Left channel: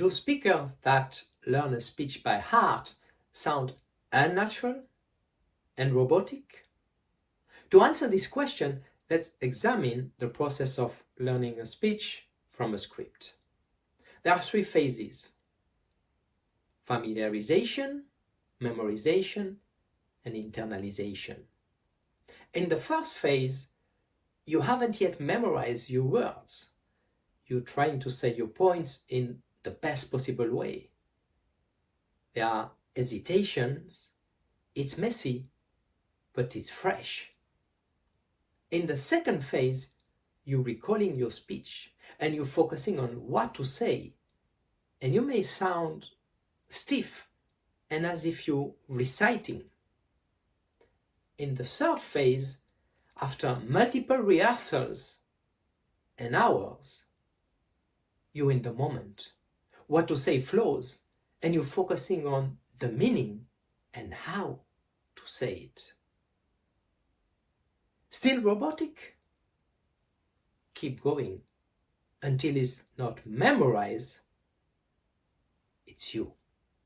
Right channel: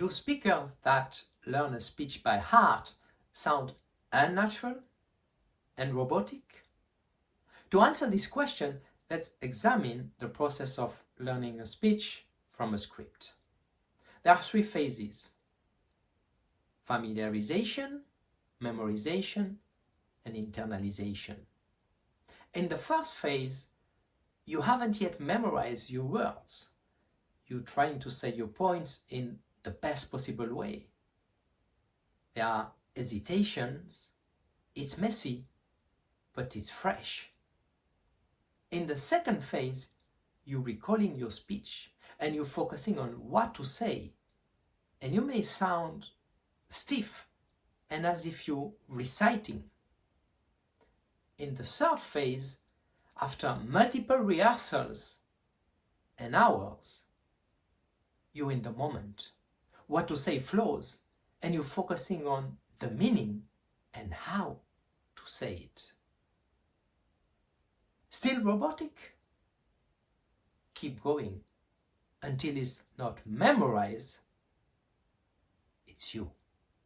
Do speakers that learn a speech by heart sound unnatural and robotic? To answer this question, let's examine the process of learning a speech from a script. There are three phases: familiarization, memorization, and internalization. In the first phase, you haven't yet memorized your words. You're trying to say your points in the best possible way. There are hesitations, it's messy, but it's fresh. In the second phase, you're recalling your speech and you're focusing on what to say, and you may sound stiff and as if you're reciting. In the third phase, after multiple rehearsals and hours, you're in the moment. What to say flows, and you're focusing on the meaning and how to say it. Still robotic? Keep going until it's not memorized, it's you.